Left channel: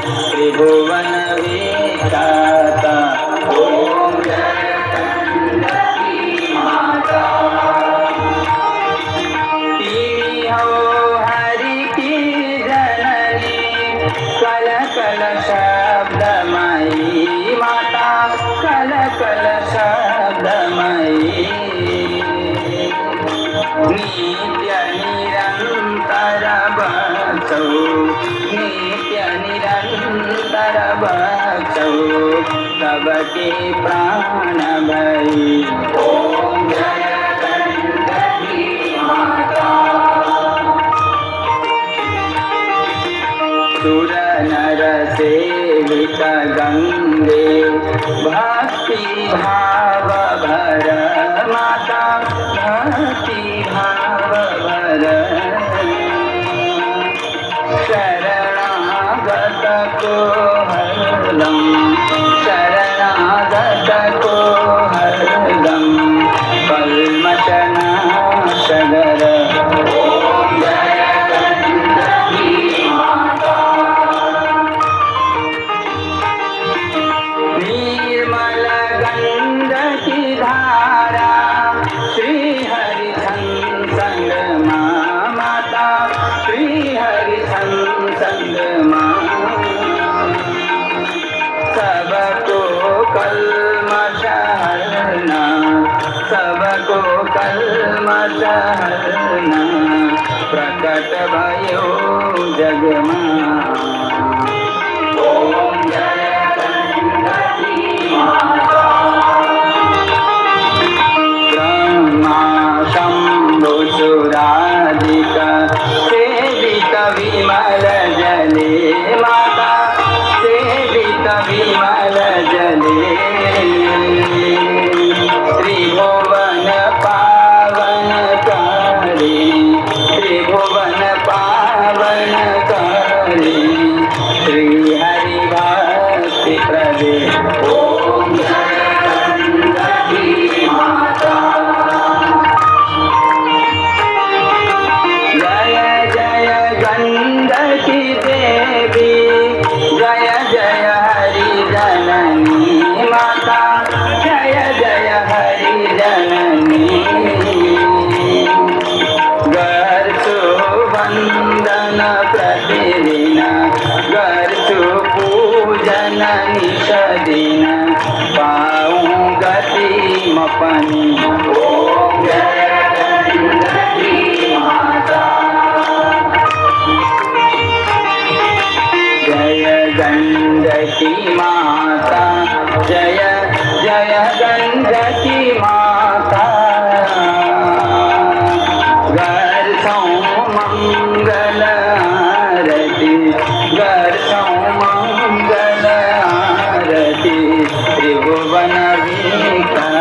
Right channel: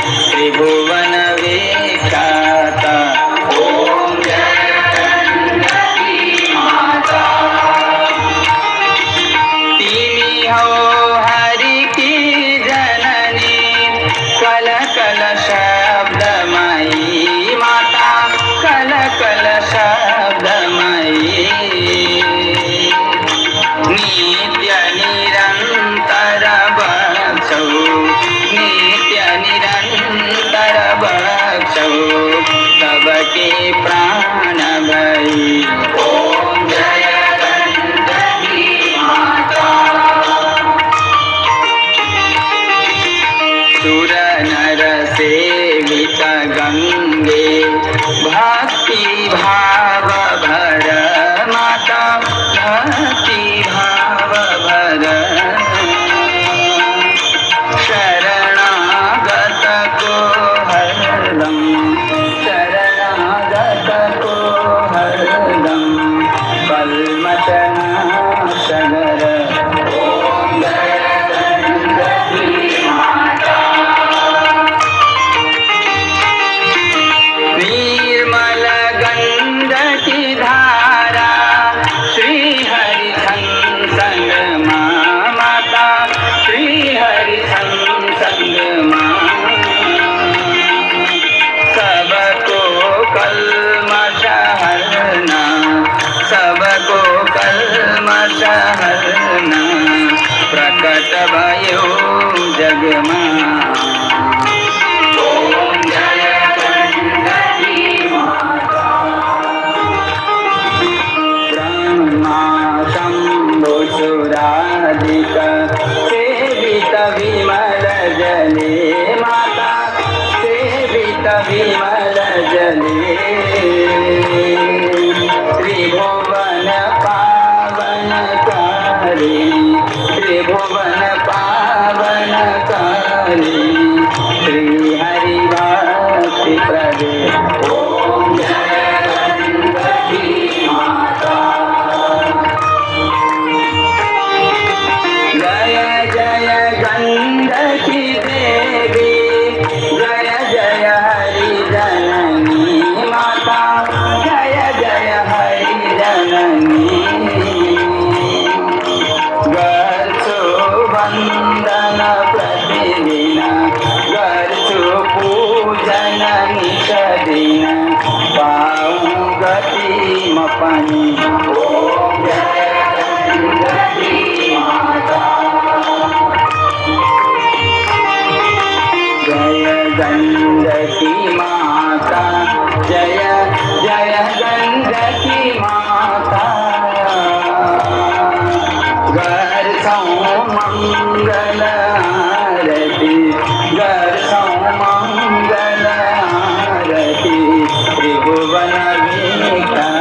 त्रिभुवन विख्याता ओम जय गंगती माता। तिमी हो हरि की जननी कल कल शब्दमयी माता कल कल शब्दमयी। नित्य निरंतर बक्षौ नित्य निरंतर बक्षौ सबके प्राण भई ओम जय गंगती माता। सुर नर सेवित गंगे भक्ति भाव भर माता भक्ति भाव भर। शरणागत को हरदम शरणागत को हरदम कल्मषनाशगर ओम जय गंगती माता। निर्मल गंग की धारा श्री हरि संग माता श्री हरि संग सबको कल्मष हरना सबको कल्मष हरना प्रकट भयो जग में ओम जय गंगती माता। ब्रह्मा शंभु सुराधिका सेवित विमल जले माता सेवित विमल जले। त्रिभुवन पावन कारी त्रिभुवन पावन कारी श्री हरि भक्ति प्रदे ओम जय गंगती माता। जय जय गंगती देवी जय जय हरि जननी माता जय जय हरि जननी। गर्चो वंदन प्रतिदिन गर्चो पूजन निषदिन पाऊँ गति मपनी ओम जय गंगती माता। जय गंगती माता जय जय गंगती माता। गर्सों मंगल आरती गर्सों मंगल आरती त्रिभुवन विख्याता